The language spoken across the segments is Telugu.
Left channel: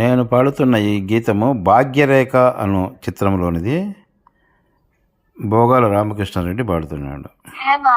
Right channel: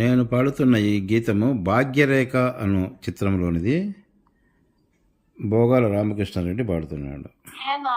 నేను పాడుతున్న ఈ గీతము భాగ్యరేఖ అను చిత్రంలోనిది భోగాల రామకృష్ణారెడ్డి పాడుతున్నాడు. Hema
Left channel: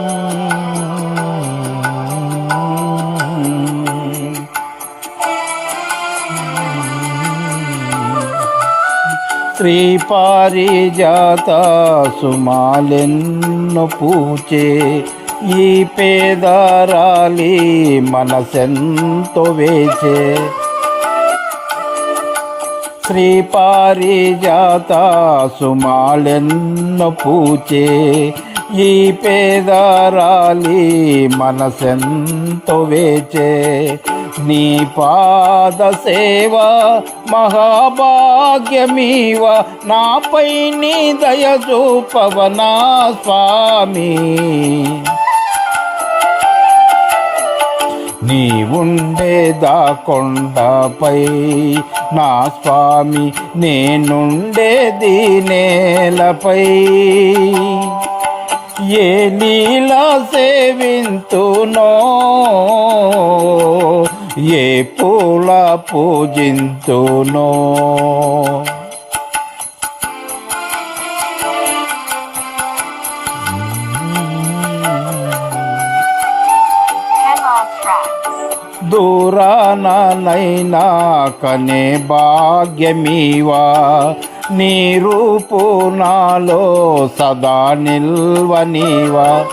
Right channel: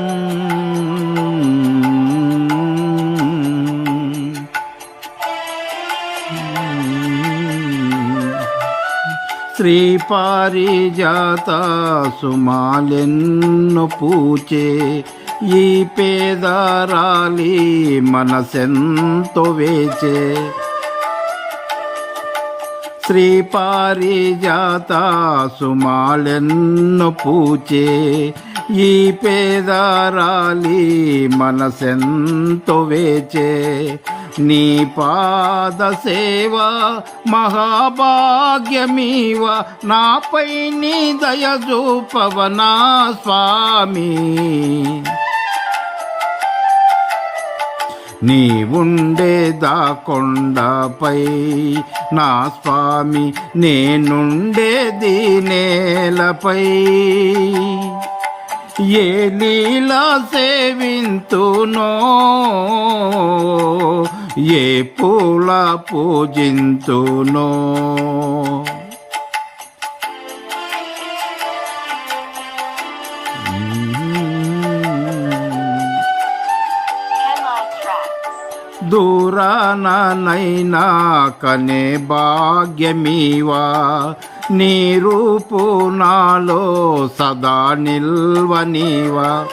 పారిజాత సుమాలెన్ను పూచే ఈ పేదరాలి మనసెంతో వేచే. శ్రీ పారిజాత సుమాలెన్ను పూచే ఈ పేదరాలి మనసెంతో వేచే నీ పాద సేవ మహాభాగ్యమీవ నాపై నీ దయ చూపవనా స్వామి. నీ ఉండేదా కొండపై నా స్వామి నేనుండేది నేలపై. ఏ లీలా సేవింతునో? ఏ పూల పూజింతునో? దూరానైనా కనే భాగ్యమీవా. నీ రూపు నాలో సదా నిల్వనీవా.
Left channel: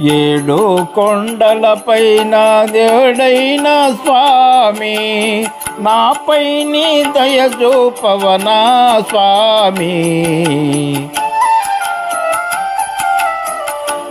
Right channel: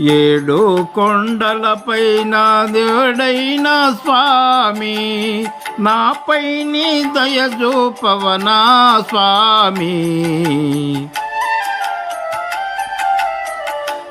ఏడు కొండలపైన దేవుడైన స్వామి నాపై నీ దయ చూపవనా స్వామి.